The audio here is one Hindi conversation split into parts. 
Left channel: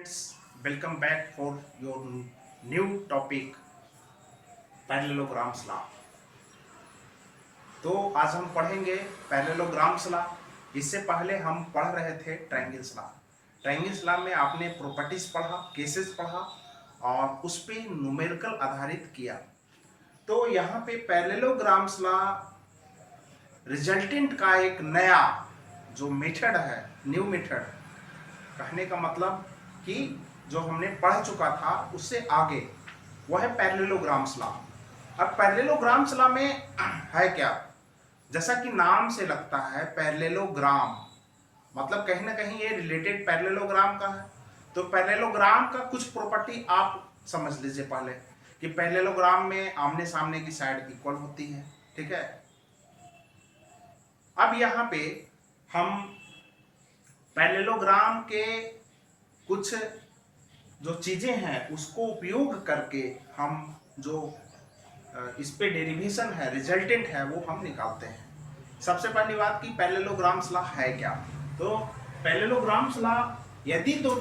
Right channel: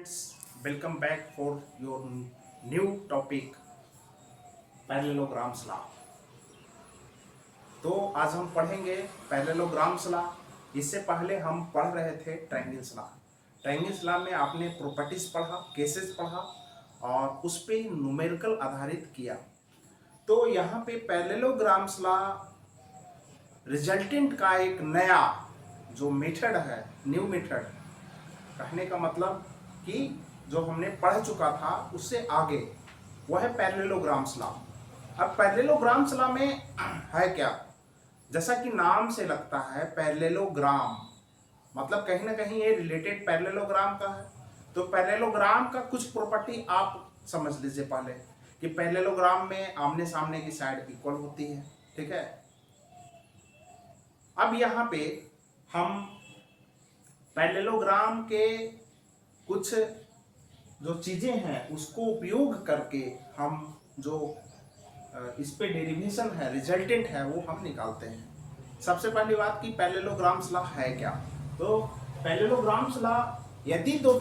Friends, welcome back for your new topic parallelograms law. तो आज हम पढ़ेंगे पैरेललोग्राम्स लॉ। इससे पहले हम पढ़ रहे थे ट्रायंगल्स लॉ। ट्रायंगल्स लॉ में आपने प्रॉपर्टीज पढ़ा, केसेस पढ़ा और उस पे न्यूमेरिकल आधारित किया। तो यहाँ पे पैरेललोग्राम्स लॉ रिजल्टेंट का एक नया जो मेथड है, न्यू मेथड, कहने का मतलब कि जो हमने पढ़ चुका था उससे आगे, वह है पैरेललोग्राम्स लॉ। अब पैरेललोग्राम्स लॉ में है क्या, जैसा कि नाम से लगता है पैरेललोग्राम, मतलब कहीं ना कहीं ये रिलेटेड पैरेललोग्राम का है। तो पैरेललोग्राम का कुछ प्रॉपर्टी आप समझ लीजिए पहले, कि पैरेललोग्राम में आमने सामने की साइड इक्वल होती है। ठीक है, अब यहाँ पे हम पैरेललोग्राम के कुछ जो चीजें हैं उसको उपयोग करके हम जो इस पे डेरिवेशन है, रिजल्टेंट है, वो हम निकालते हैं। सबसे पहली बात कि पैरेललोग्राम्स लॉ है क्या। तो पैरेललोग्राम्स लॉ, यदि दो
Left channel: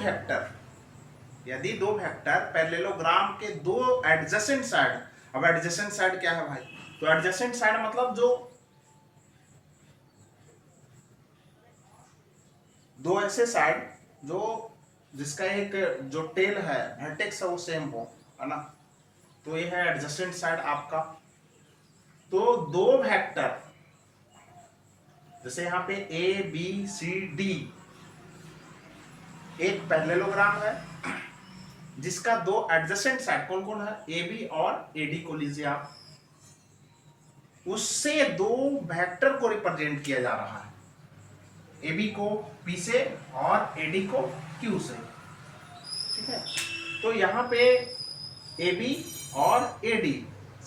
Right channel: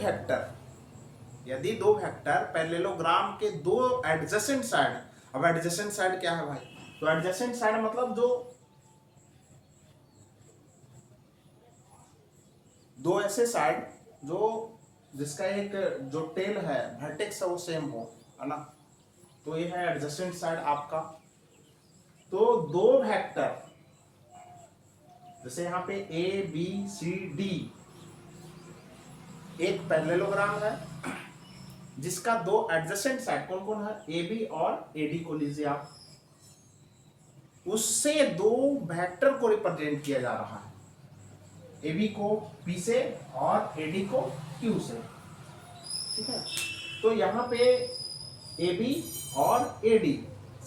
वेक्टर पैरेललोग्राम के दो एडजेसेंट साइड, अब एडजेसेंट साइड क्या है भाई, तो एडजेसेंट साइड मतलब जो दो ऐसे साइड जो जिसका एक जो टेल है, वर्टेक्स है, वो सेम हो, है ना। तो ये है एडजेसेंट साइड आपका। तो दो वेक्टर, जैसे यहाँ पे ए बी सी डी एक पैरेललोग्राम है जिसका दो एडजेसेंट साइड कौन कौन है, ए बी और ए डी को लीजिए आप, उससे दो वेक्टर को रिप्रेजेंट किया जा रहा है, ए बी को पी से और ए डी को क्यू से। ठीक है, तो यहाँ पे ए बी और ए डी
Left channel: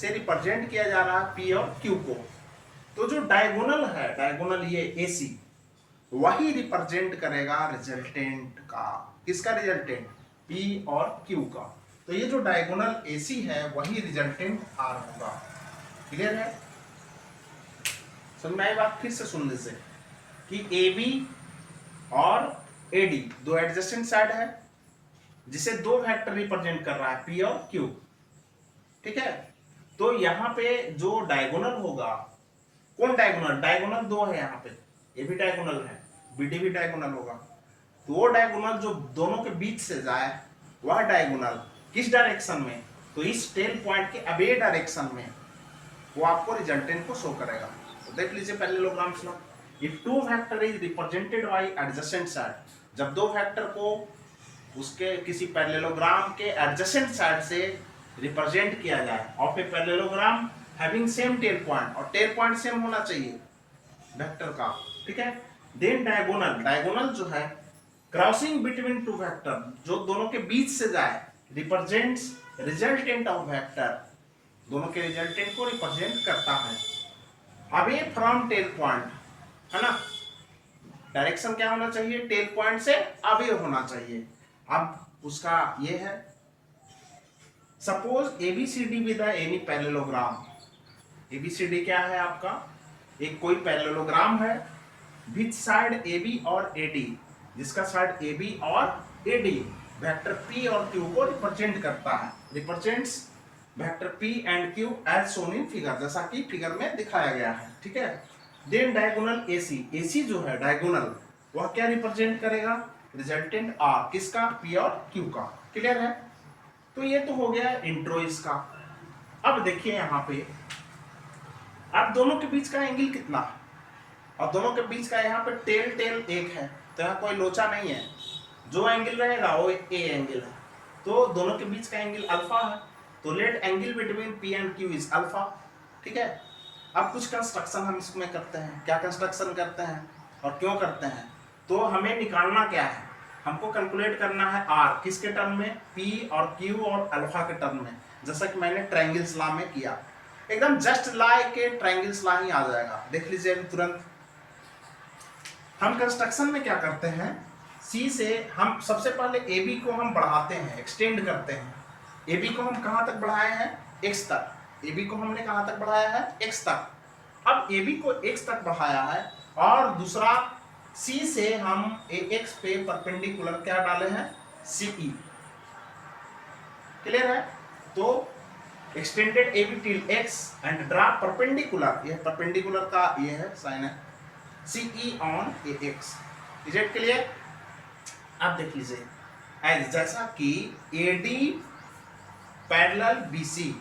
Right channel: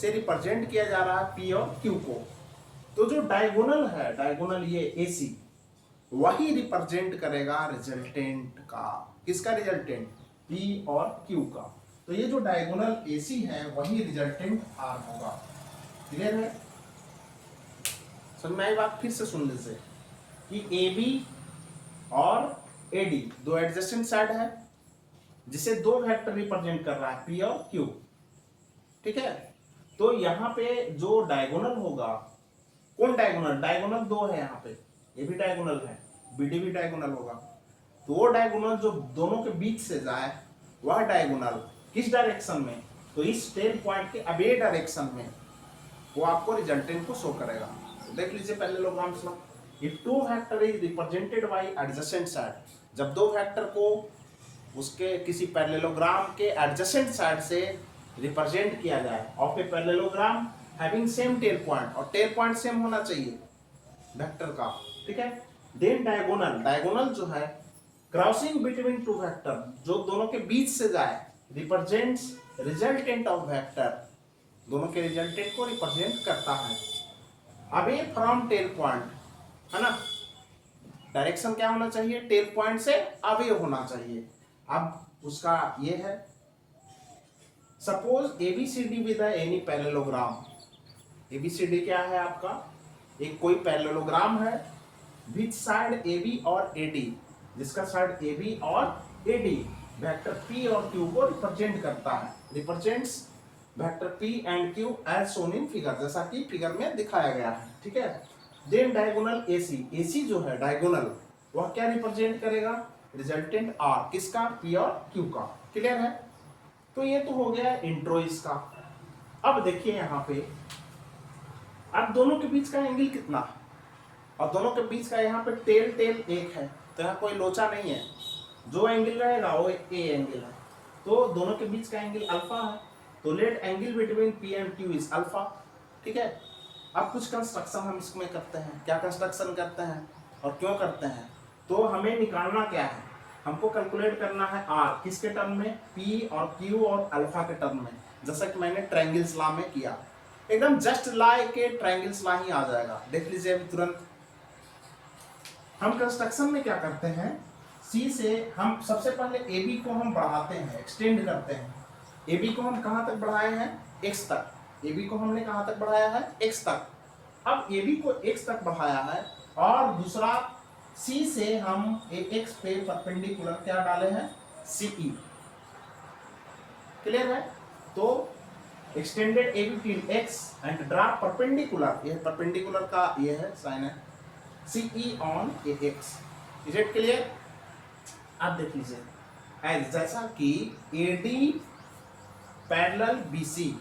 से रिप्रेजेंट किया जा रहा है पी और क्यू को। तो जो डायगोनल है, डायगोनल ये ए सी, वही रिप्रेजेंट करेगा रिजल्टेंट का, किसका रिजल्टेंट, पी और क्यू का। तो ये जो डायगोनल ए सी है वही रिजल्टेंट आर होगा। क्लियर है, समझ में आई बात, फिर से सुन लीजिए कि ए बी और ए डी दो एडजेसेंट साइड है जिसे दो वेक्टर रिप्रेजेंट कर रहा है, पी और क्यू। ठीक है, तो यहाँ पे जो डायगोनल होगा, कौन डायगोनल, डायगोनल दो है यहाँ पे, ये भी डायगोनल है, बी डी भी डायगोनल होगा। तो वो डायगोनल जो दोनों के बीच से जाए, वह डायगोनल किस डायरेक्शन में, तो इस टेल पॉइंट के अवे डायरेक्शन में, वो आपको रिजल्टेंट को शो करेगा। तो देख लीजिए parallelograms law, if two vector is represented by adjacent side, जब दो वेक्टर को उसके किसी पैरेललोग्राम के एडजेसेंट साइड से रिप्रेजेंट किया जाए of a parallelogram having same tail point, और टेल पॉइंट सेम होना चाहिए वेक्टर का। ठीक है, देन डायगोनल, डायगोनल जो है क्रॉसिंग बिटवीन टू वेक्टर, जो दोनों के बीच से जाए, रिप्रेजेंट्स रिजल्टेंट ऑफ वेक्टर, दोनों के रिजल्टेंट को रिप्रेजेंट करता है अवे फ्रॉम टेल पॉइंट, है ना। डायरेक्शन क्या होना चाहिए, टेल पॉइंट से अवे होना चाहिए। अब उसका ये है, suppose ABCD with any parallelogram, ABCD क्या है आपका, एक कोई पैरेललोग्राम है विच साइड ए बी और ए डी, जिसका साइड ए बी और ए डी वेक्टर पी और क्यू को रिप्रेजेंट करता है, represents vector P and Q as shown in figure, जैसा कि फिगर में दिखाया गया है। ठीक है, देन डायगोनल एसी, एसी जो है डायगोनल, वह क्या रिप्रेजेंट करेगा, रिजल्टेंट आर, किसका, पी और क्यू का। क्लियर है, तो ये तो हो गया इंट्रो इसका। अब देखिए यहाँ पे, अब दोनों के बीच का एंगल कितना, और दोनों के बीच का यहाँ पे टेल एक है, तो यहाँ कोई लोचा नहीं है, जो एंगल रहेगा वो ए एंगल है, तो दोनों के बीच का एंगल अल्फा है, तो let angle between P and Q is alpha. ठीक है, अब कुछ कंस्ट्रक्शन हम इसमें करते हैं, क्या कंस्ट्रक्शन करते हैं और क्यों करते हैं, तो हमें निकालना क्या है, हमको कैलकुलेट करना है आर, किसके टर्म में, पी और क्यू और अल्फा के टर्म में, जैसा कि मैंने ट्रायंगल्स लॉ में किया, एकदम जस्ट लाइक के ट्रायंगल्स लॉ ही आ जाएगा। देख लीजिए अभी तुरंत। हम कंस्ट्रक्शन में क्या करते हैं, सी से हम सबसे पहले ए बी को हम बढ़ाते हैं, एक्सटेंड करते हैं। ए बी को हम कहाँ तक बढ़ाए हैं, एक्स तक, ए बी को हमने कहाँ तक बढ़ाया है, एक्स तक। अब ए बी को एक्स तक बढ़ाया है, और दूसरा सी से हम एक्स पे परपेंडिकुलर क्या डाले हैं, CE। क्लियर है? तो extended AB till X and draw perpendicular, यह परपेंडिकुलर का ये है साइन है, CE on AX। Is it clear? आप देख लीजिए, एज जैसा कि AD पैरेलल BC,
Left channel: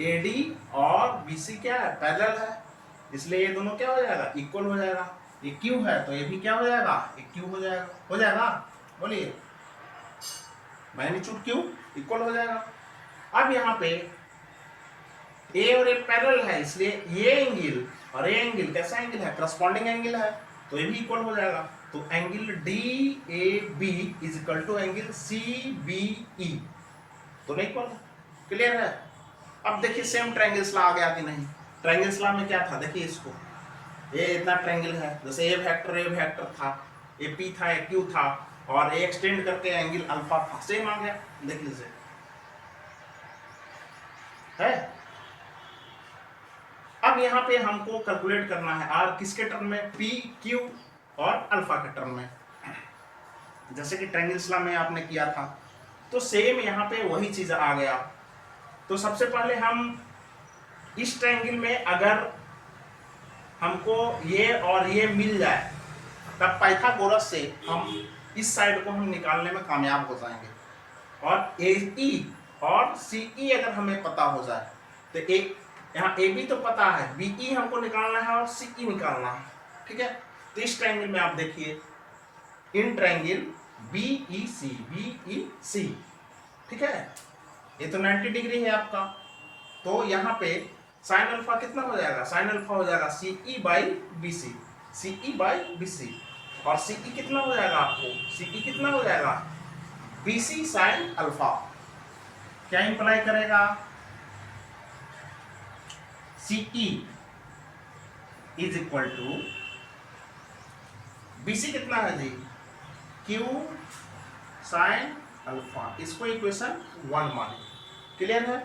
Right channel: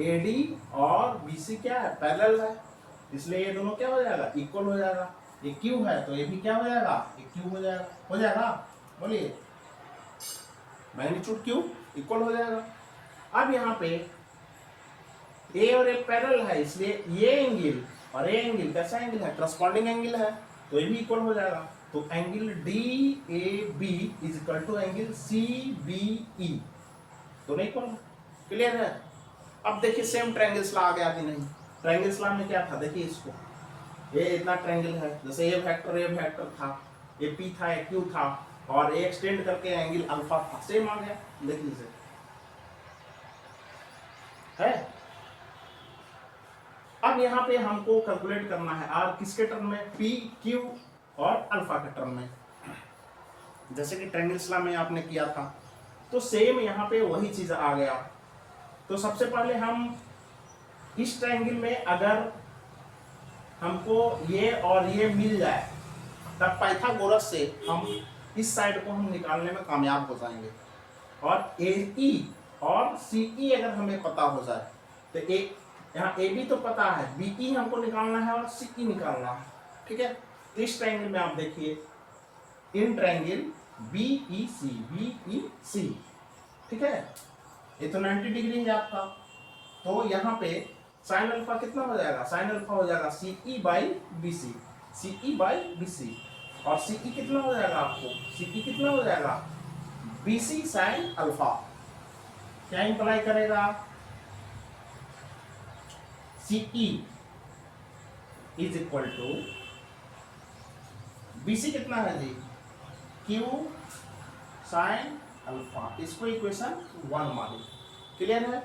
AD और BC क्या है? पैरेलल है, इसलिए ये दोनों क्या हो जाएगा? इक्वल हो जाएगा। ये Q है तो ये भी क्या हो जाएगा? ये Q हो जाएगा। हो जाएगा? बोलिए, मैग्नीट्यूड Q इक्वल हो जाएगा। अब यहाँ पे A और A पैरेलल है, इसलिए ये एंगल और ये एंगल कैसा एंगल है? करस्पॉन्डिंग एंगल है, तो ये भी इक्वल हो जाएगा। तो angle DAB is equal to angle CBE, दोनों इक्वल। क्लियर है? अब देखिए सेम ट्रायंगल्स ला आ गया कि नहीं? ट्रायंगल्स ला में क्या था? देखिए इसको, ये इतना ट्रायंगल है, जैसे ए वेक्टर था, ये P था, ये Q था, और ये एक्सटेंड करके एंगल अल्फा था, सेम आ गया। देख लीजिए, है। अब यहाँ पे हमको कैलकुलेट करना है आर किसके टर्म में? P, Q और अल्फा के टर्म में, जैसे कि ट्रायंगल्स ला में आपने किया था। तो सेम यहाँ पे वही चीज आ गया। तो सबसे पहले हम इस ट्रायंगल में अगर हमको ये और ये मिल जाए, तब पाइथागोरस से हम इस साइड को हम निकालने में कामयाब हो जाएंगे। और AE और CE अगर हमें पता हो जाए तो एक यहाँ AB तो पता है, BE हमको निकालना है और CE निकालना है। ठीक है? तो इस ट्रायंगल में आप देखिए, इन ट्रायंगल BEC, ठीक है, ये तो 90 डिग्री है आपका। तो यहाँ पे साइन अल्फा कितना हो जाएगा? साइन अल्फा हो जाएगा CE by BC, CE by BC। और CE कितना हो जाएगा आपको? CE कितना हो जाएगा? BC sine alpha. क्या इंप्लाई करेगा? CE is equal to BC कितना है जी? Q sine alpha. इसको इक्वेशन 1 माने। क्लियर है?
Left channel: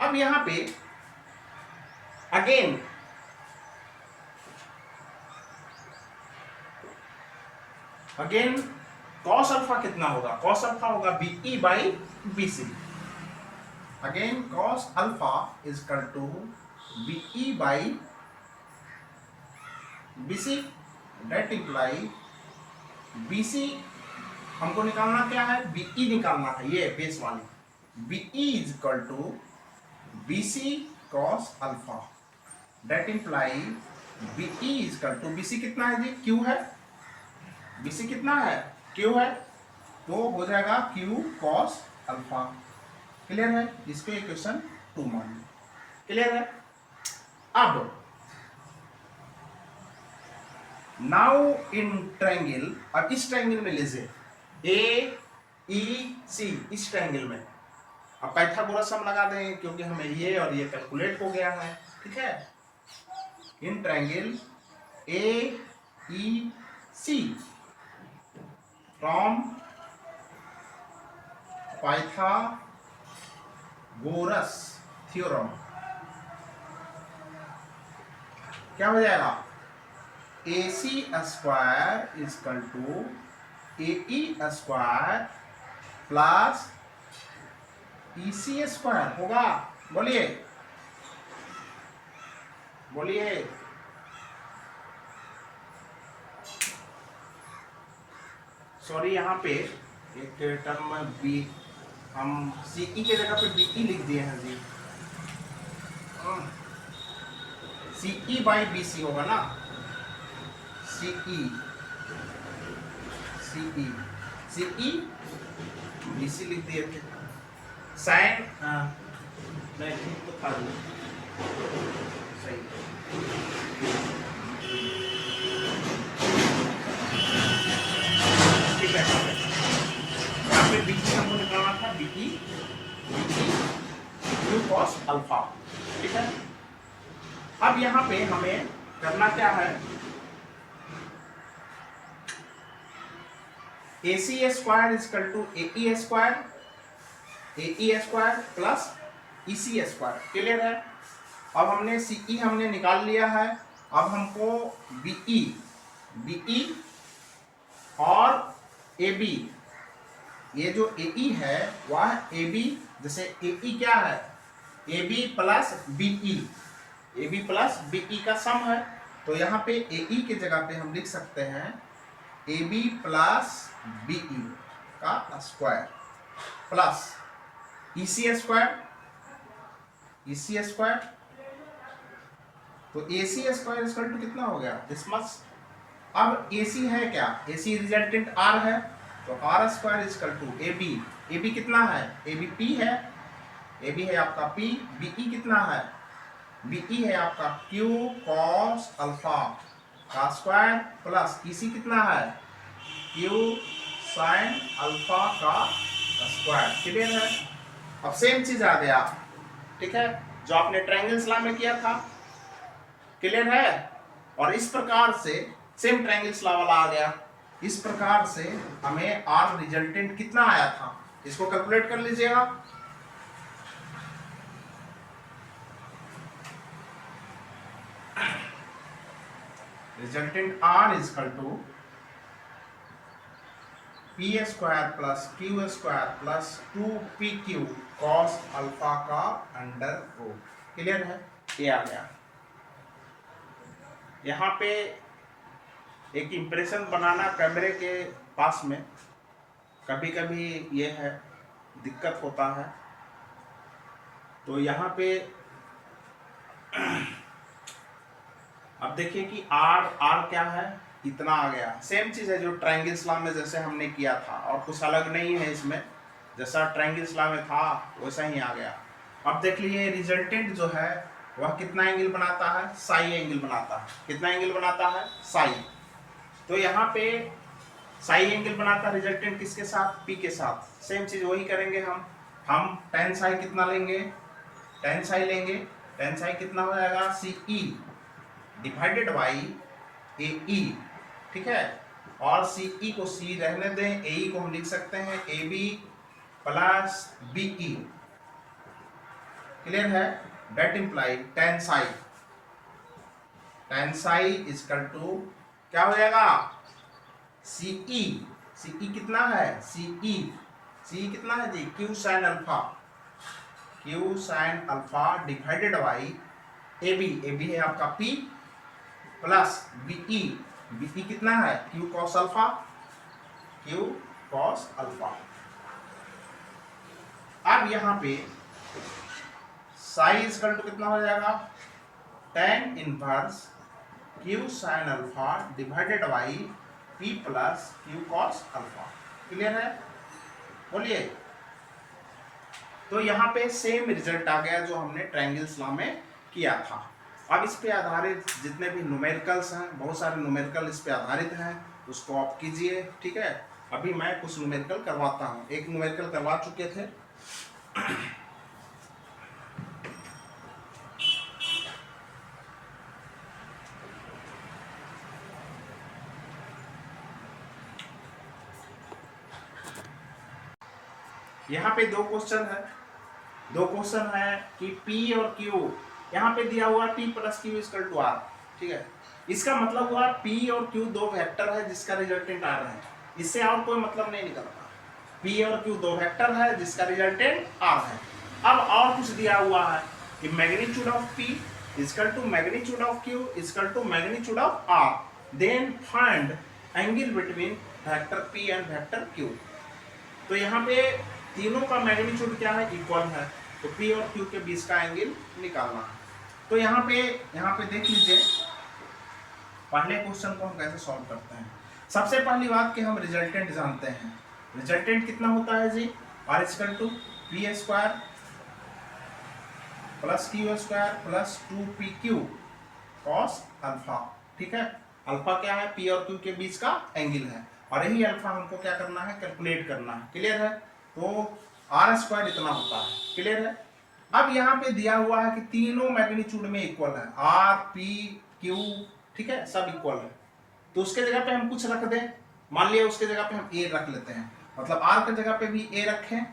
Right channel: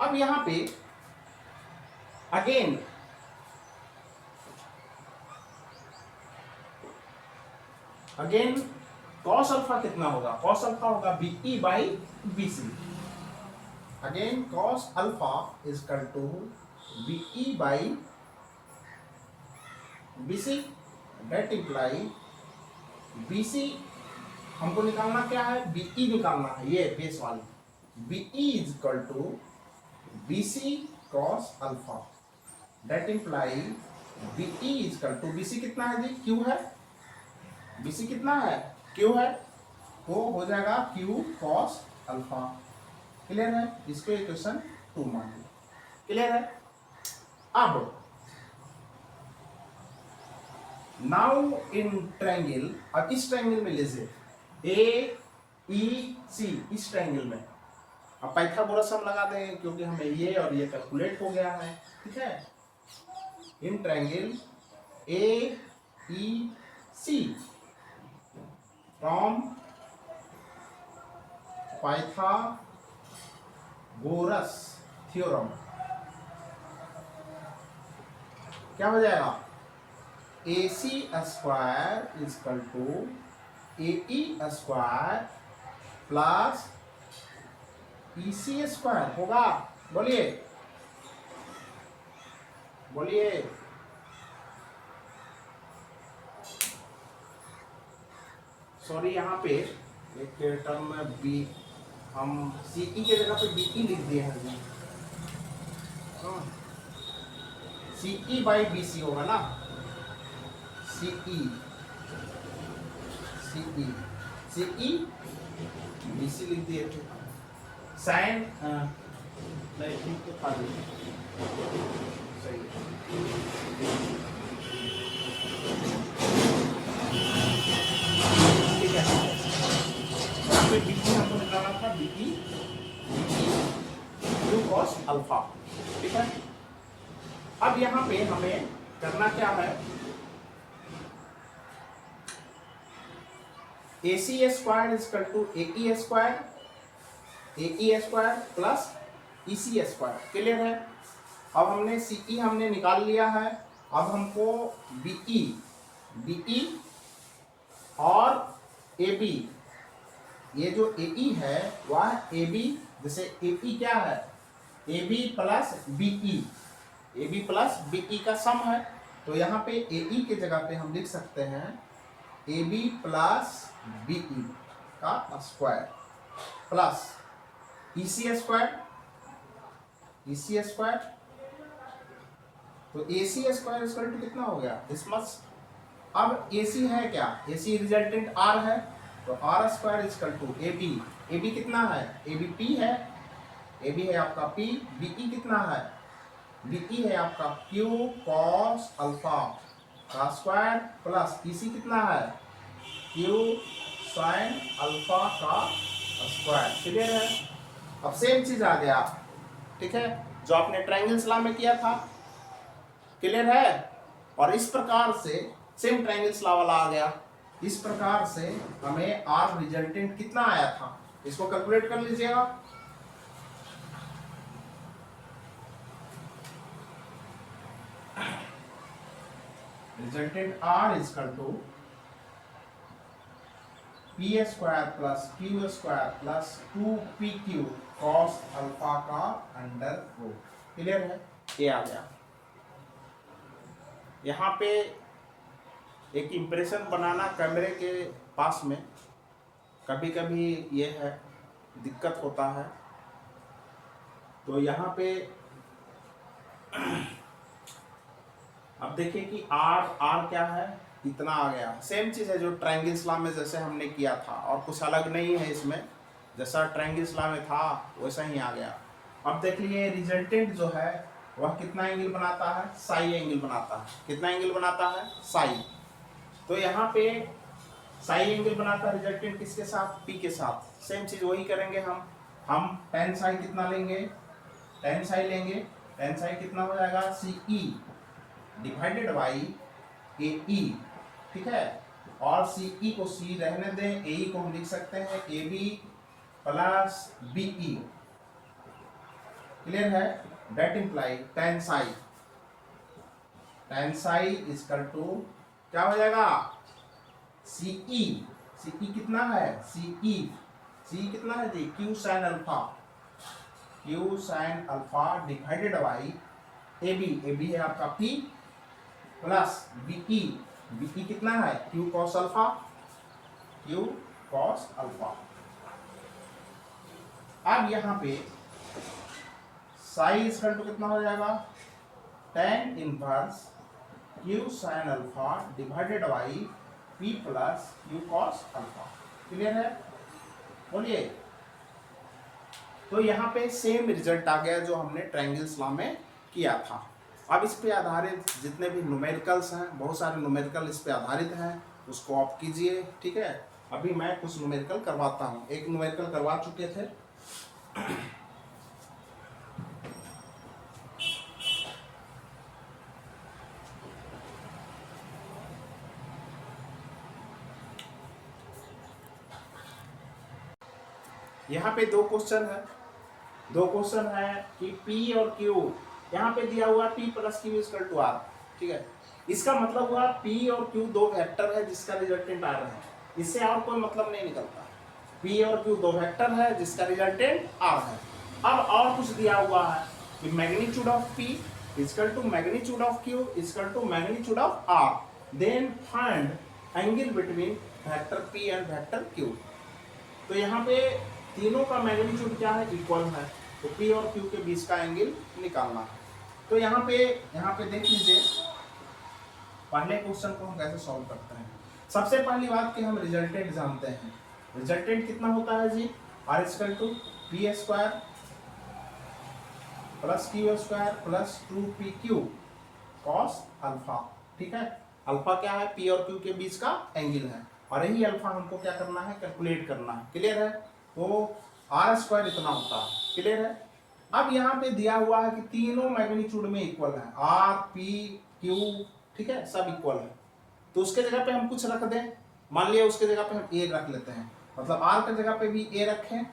अब यहां पे अगेन कॉस अल्फा कितना होगा? कॉस अल्फा होगा BE by BC। Again cos alpha is equal to BE by BC। That imply BC हमको निकालना क्या है? BE निकालना है, ये बेस वाली। BE is equal to BC cos alpha. That imply BE is equal to, BC कितना है जी? Q है। BC कितना है? Q है, तो हो जाएगा Q cos अल्फा। क्लियर है? इसको इक्वेशन 2 मान लो। क्लियर है? अब नाउ इन ट्रायंगल, अब इस ट्रायंगल में लीजिए AEC, इस ट्रायंगल में अब पाइथागोरस हम लगा देंगे, क्योंकि हमें ये और ये कैलकुलेट हो गया है। ठीक है? In triangle AEC from Pythagoras theorem क्या हो जाएगा? AC square is equal to AE square plus EC square होगा। बोलिए बोलिए। सॉरी, यहाँ पे एक टर्म बी, हम CE के जगह पे BE लिख दिए हैं जी। CE बाई BC होगा ना? CE BC लिख दिए थे। साइन नहीं ठीक तो था जी, सही। ठीक है, यहाँ पे BE हमको निकालना था, BE Q cos अल्फा। ठीक है? अब यहाँ पे हमें करना क्या है? A C square equal to A E square plus E C square. Clear है? अब हमने सी ई हमने निकाल लिया है। अब हमको बीई और ए बी, ये जो ए ई है वह ए बी, जैसे ए ई क्या है, A B plus BE, A B plus BE का सम है। तो यहाँ पे ए ई के जगह पे हम लिख सकते हैं ए बी प्लस बीई का square plus E C square, तो ए सी स्क्वायर इक्वल टू कितना हो गया, दिस मच। अब ए सी है क्या, ए सी रिजल्टेंट आर है, तो R square equal to A B कितना है, ए बी पी है, ए बी है आपका पी, बीई कितना है, बीई है आपका क्यू कॉस अल्फा का स्क्वायर प्लस ई सी कितना है, क्यू साइन अल्फा का स्क्वायर। क्लियर है? अब सेम चीज आ गया, ठीक है, जो आपने ट्रायंगल्स लॉ में किया था। क्लियर है? और इस प्रकार से सेम ट्रायंगल्स लॉ वाला आ गया। इस प्रकार से हमें आर रिजल्टेंट कितना आया था, इसको कैलकुलेट कर लीजिएगा। Resultant R is equal to P square plus Q square plus 2pq cos alpha का अंडर रूट। क्लियर है? ये आ गया। यहाँ पे एक इम्प्रेशन बनाना कैमरे के पास में कभी कभी ये है, दिक्कत होता है। तो यहाँ पे अब देखिए कि आर क्या है, इतना आ गया। सेम चीज है जो ट्रायंगल्स लॉ में जैसे हमने किया था, और कुछ अलग नहीं है इसमें, जैसा ट्रायंगल्स लॉ में था वैसा ही आ गया। अब देख लीजिए रिजल्टेंट जो है वह कितना एंगल बनाता है, साई एंगल बनाता है। कितना एंगल बनाता है, साई। तो यहाँ पे साई एंगल बनाता है रिजल्टेंट किसके साथ, पी के साथ। सेम चीज वही करेंगे हम टेन साई कितना लेंगे, टेन साई लेंगे। टेन साई कितना हो जाएगा, सी ई डिवाइडेड बाई ए ई, ठीक है। और सी ई को सी रहने दें, ए ई को हम लिख सकते हैं A B plus B E. Clear है? That imply tan psi equal to क्या हो जाएगा, सी ई कितना है, सी कितना है जी, Q sine alpha divided by A B है आपका पी प्लस बीई कितना है, क्यू कॉस अल्फा। अब यहाँ पे साई इक्वल टू कितना हो जाएगा, tan inverse Q sine alpha divided by P plus Q cos alpha. Clear है? बोलिए। तो यहाँ पे सेम रिजल्ट आ गया जो हमने ट्रायंगल्स लॉ में किया था। अब इस पे आधारित जितने भी न्यूमेरिकल्स हैं, बहुत सारे न्यूमेरिकल इस पे आधारित हैं, उसको आप कीजिए। ठीक है? अभी मैं कुछ न्यूमेरिकल करवाता हूँ। एक न्यूमेरिकल करवा चुके थे। यहाँ पे दो क्वेश्चन है कि P और Q, यहाँ पे दिया हुआ P plus Q equal to R। ठीक है? इसका मतलब हुआ P और Q दो वेक्टर है जिसका रिजल्टेंट R है। इससे और कोई मतलब नहीं निकलता। P और Q दो वेक्टर है जिसका रिजल्टेंट R है। अब और कुछ दिया हुआ है कि magnitude of P equal to magnitude of Q equal to magnitude of R, then find angle between vector P and vector Q। तो यहाँ पे तीनों का मैग्नीट्यूड क्या है, इक्वल है। तो P और Q के बीच का एंगल निकालना है। तो यहाँ पे देख लीजिए पहले क्वेश्चन को हम कैसे सॉल्व करते हैं। सबसे पहली बात कि हम रिजल्टेंट जानते हैं। रिजल्टेंट कितना होता है जी, R equal to P square plus Q square plus 2pq cos alpha. ठीक है? अल्फा क्या है, P और Q के बीच का एंगल है, और यही अल्फा हमको क्या करना है, कैलकुलेट करना है। क्लियर है? तो आर स्क्वायर इतना होता है। क्लियर है? अब यहाँ पे दिया हुआ है कि तीनों मैग्नीट्यूड में इक्वल है, आर पी क्यू, ठीक है, सब इक्वल है। तो उसके जगह पे हम कुछ रख दें, मान लिया उसके जगह पे हम ए रख लेते हैं, मतलब आर के जगह पे भी ए रखें,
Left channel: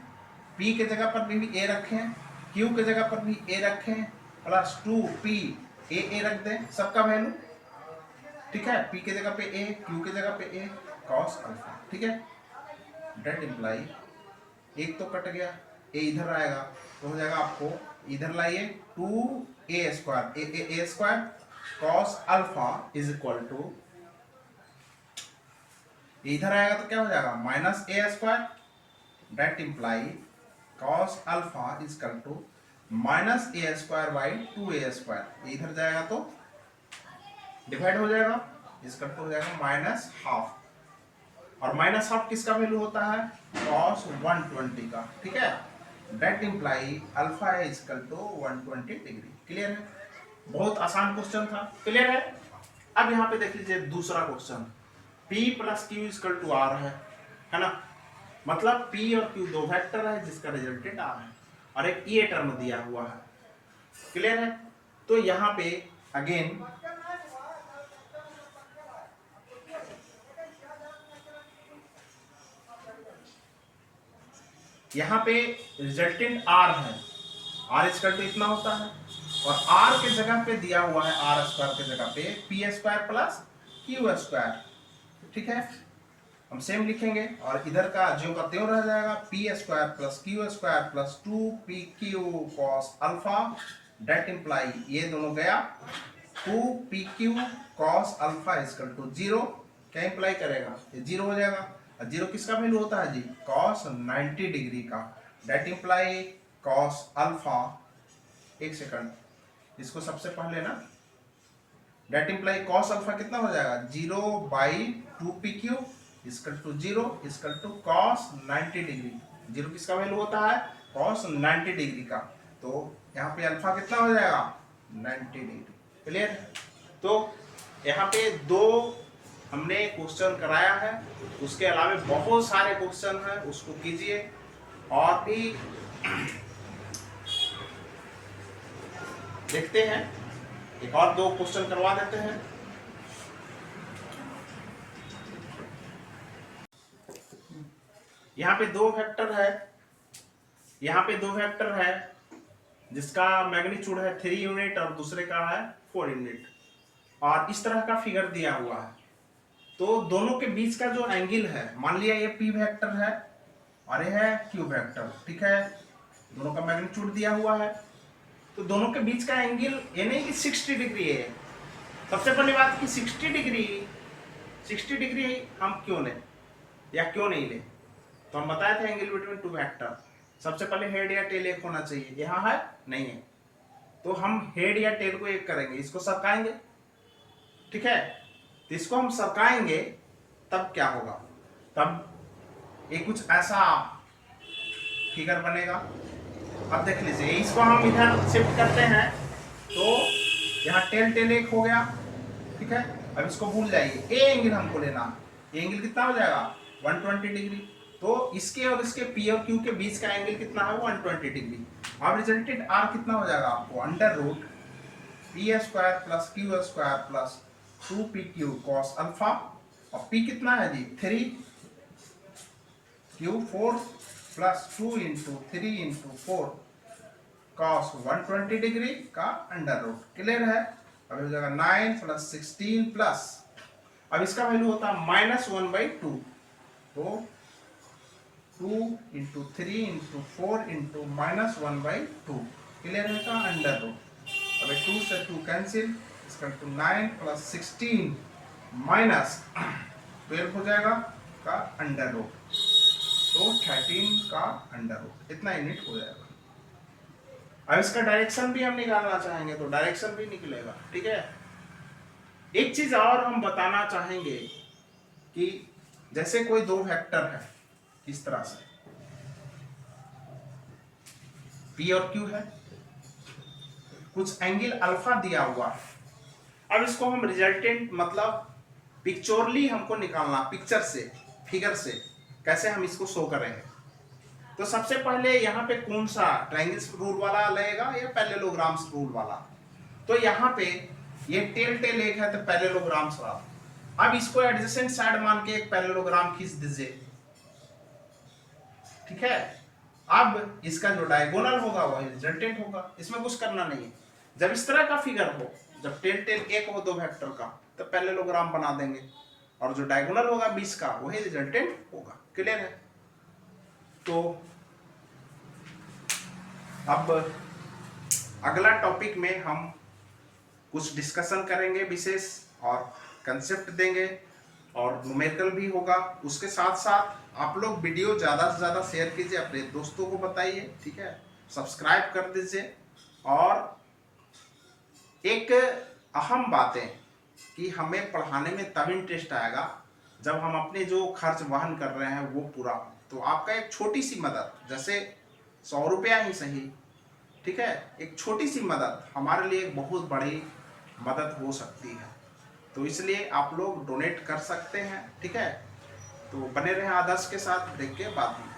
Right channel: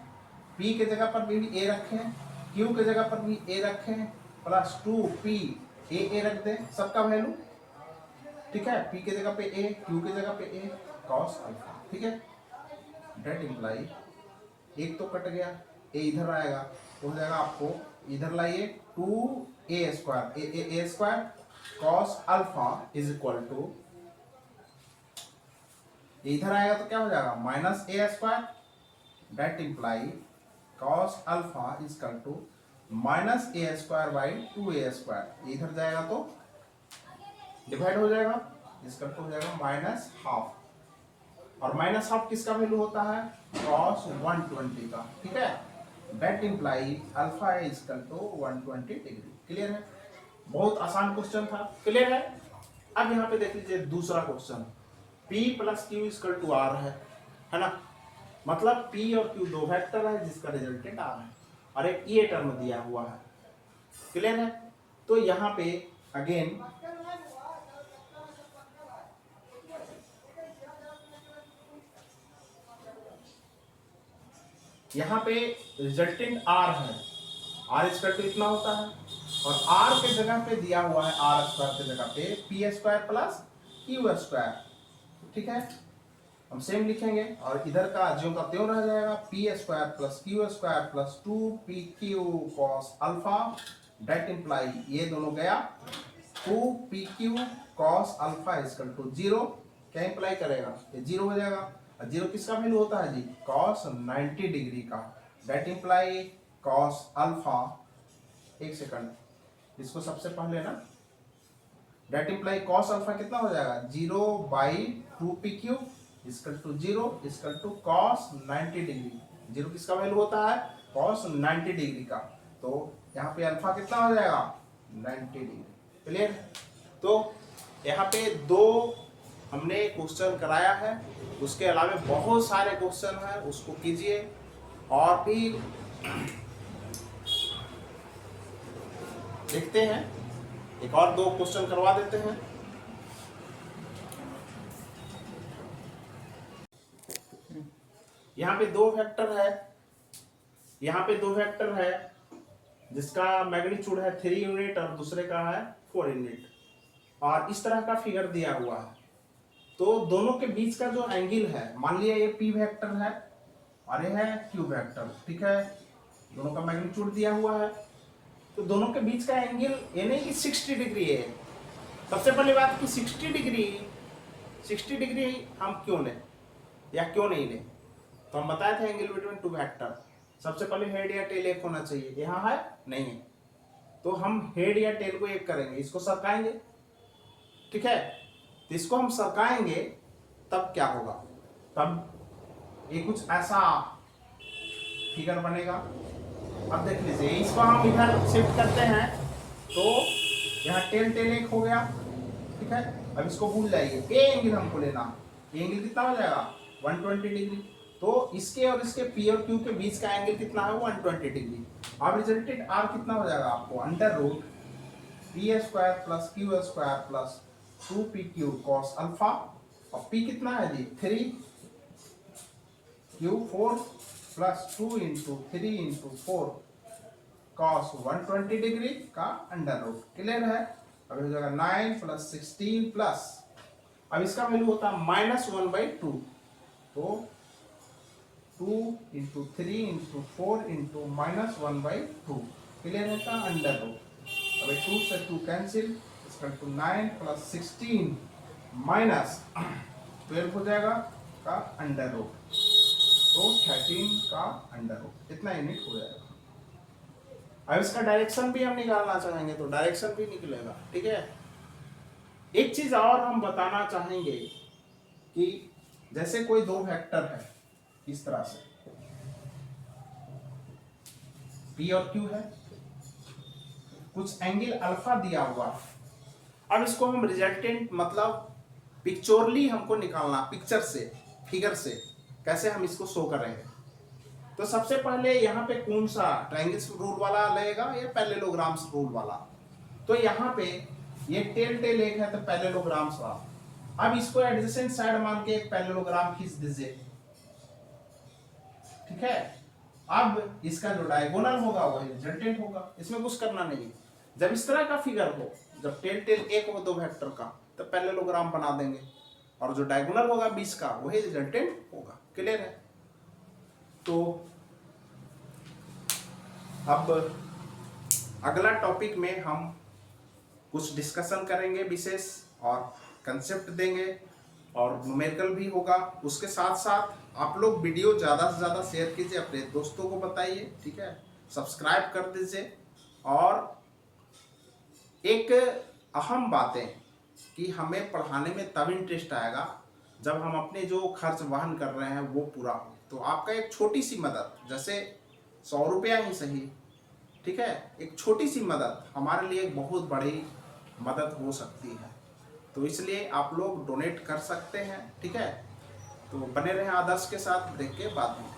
पी के जगह पर भी ए रखें, क्यू के जगह पर भी ए रखें, प्लस 2p ए रख दें सबका वैल्यू, ठीक है। पी के जगह पे ए, क्यू के जगह पे ए, कॉस अल्फा, ठीक है। डेट इम्प्लाई एक तो कट गया, ए इधर आएगा तो हो जाएगा आपको, इधर लाइए 2a square cos alpha is equal to, इधर आएगा तो क्या हो जाएगा minus A square, that imply cos alpha is equal to minus A square by 2a square, इधर जाएगा तो डिवाइड हो जाएगा, इसका तो हो जाएगा माइनस हाफ, और माइनस हाफ किसका वैल्यू होता है cos 120 का, ठीक है। That imply alpha is equal to 120 degree. Clear है, बहुत आसान क्वेश्चन था, क्लियर है। अब यहाँ पे देख लीजिए दूसरा question, P plus Q equal to R है ना, मतलब P और Q दो वेक्टर है जिसका रिजल्टेंट आर है, और एक ये टर्म दिया हुआ है, क्लियर है। तो यहाँ पे अगेन यहाँ पे रिजल्टेंट आर है, आर स्क्वायर तो इतना होता है, और आर के जगह पे दिया हुआ है, आर स्क्वायर के जगह पे P square plus Q square, ठीक है। हम सेम लिखेंगे और इधर का ज्यों का त्यों रह जाएगा, P square plus Q square plus 2pq cos alpha, that imply ये दोनों गया 2pq cos alpha equal to 0, क्या इम्प्लाई करेगा ये 0 हो जाएगा, और 0 किसका वैल्यू होता है जी कॉस 90 डिग्री का, डेट इम्प्लाई कॉस अल्फा, एक सेकंड इसको सबसे पहले ना, डेट इम्प्लाई कॉस अल्फा कितना हो जाएगा 0/2pq equal to 0 equal to cos 90 degree, 0 किसका वैल्यू होता है कॉस 90 डिग्री का, तो यहाँ पे अल्फा कितना हो जाएगा 90 डिग्री, क्लियर। तो यहाँ पे दो हमने क्वेश्चन कराया है, उसके अलावा बहुत सारे क्वेश्चन हैं उसको कीजिए, और भी देखते हैं, एक और दो क्वेश्चन करवा देते हैं। यहाँ पे दो वेक्टर है, यहाँ पे दो वेक्टर है जिसका मैग्नीट्यूड है 3 यूनिट और दूसरे का है 4 यूनिट, और इस तरह का फिगर दिया हुआ है। तो दोनों के बीच का जो एंगल है, मान लिया ये पी वेक्टर है और ये है क्यू वेक्टर, ठीक है, दोनों का मैग्नीट्यूड दिया हुआ है, तो दोनों के बीच का एंगल ये नहीं कि 60 डिग्री है। सबसे पहली बात कि 60 डिग्री हम क्यों लें या क्यों नहीं लें, तो हम बताए थे एंगल बिटवीन टू वेक्टर, सबसे पहले हेड या टेल एक होना चाहिए, यहाँ है नहीं है, तो हम हेड या टेल को एक करेंगे, इसको सरकाएंगे, ठीक है। तो इसको हम सरकाएंगे तब क्या होगा, तब ये कुछ ऐसा फिगर बनेगा। अब देख लीजिए इसको हम इधर शिफ्ट करते हैं तो यहाँ टेल एक हो गया, ठीक है। अब इसको भूल जाइए, ए एंगल हमको लेना, ये एंगल कितना हो जाएगा 120 डिग्री, तो इसके और इसके पी और क्यू के बीच का एंगल कितना है 120 डिग्री। अब रिजल्टेंट आर कितना हो जाएगा आपको under root P square plus Q square plus 2pq cos alpha, और p कितना है जी 3, q 4 plus 2 into 3 into 4 cos 120 degree का अंडर रूट, क्लियर है। अब हो जाएगा 9 प्लस 16 प्लस, अब इसका वैल्यू होता है -1/2, तो 2 इंटू 3 इंटू 4 इंटू -1/2, क्लियर है का अंडर रूट। अब 2 से 2 कैंसिल, इसका टू 9 प्लस 16 माइनस 12 हो जाएगा का अंडर रूट, तो 13 का अंडर रूट, इतना यूनिट हो जाएगा। अब इसका डायरेक्शन भी हम निकालना चाहेंगे तो डायरेक्शन भी निकलेगा, ठीक है। एक चीज और हम बताना चाहेंगे कि जैसे कोई दो वेक्टर है इस तरह से, P और Q है, कुछ एंगल अल्फा दिया हुआ है, अब इसको हम रिजल्टेंट मतलब पिक्चरली हमको निकालना, पिक्चर से फिगर से कैसे हम इसको शो करेंगे। तो सबसे पहले यहाँ पे कौन सा ट्रायंगल्स रूल वाला लगेगा या पैरेललोग्राम्स रूल वाला, तो यहाँ पे ये टेल एक है तो पैरेललोग्राम्स वाला। अब इसको एडजेसेंट साइड मान के एक पैरेललोग्राम खींच दीजिए, ठीक है। अब इसका जो डायगोनल होगा वही रिजल्टेंट होगा, इसमें कुछ करना नहीं है। जब इस तरह का फिगर हो, जब टेन टेन एक हो दो वेक्टर का, तो पैरेललोग्राम बना देंगे और जो डायगोनल होगा 20 का वही रिजल्टेंट होगा। क्लियर है? तो अब अगला टॉपिक में हम कुछ डिस्कशन करेंगे विशेष और कंसेप्ट देंगे और न्यूमेरिकल भी होगा। उसके साथ साथ आप लोग वीडियो ज़्यादा से ज़्यादा शेयर कीजिए, अपने दोस्तों को बताइए, ठीक है। सब्सक्राइब कर दीजिए। और एक अहम बातें कि हमें पढ़ाने में तब इंटरेस्ट आएगा जब हम अपने जो खर्च वहन कर रहे हैं वो पूरा हो। तो आपका एक छोटी सी मदद, जैसे 100 रुपया ही सही, ठीक है, एक छोटी सी मदद हमारे लिए एक बहुत बड़ी मदद हो सकती है। तो इसलिए आप लोग डोनेट कर सकते हैं, ठीक है। तो बने रहें आदर्श के साथ, ब्रेक के बाद में।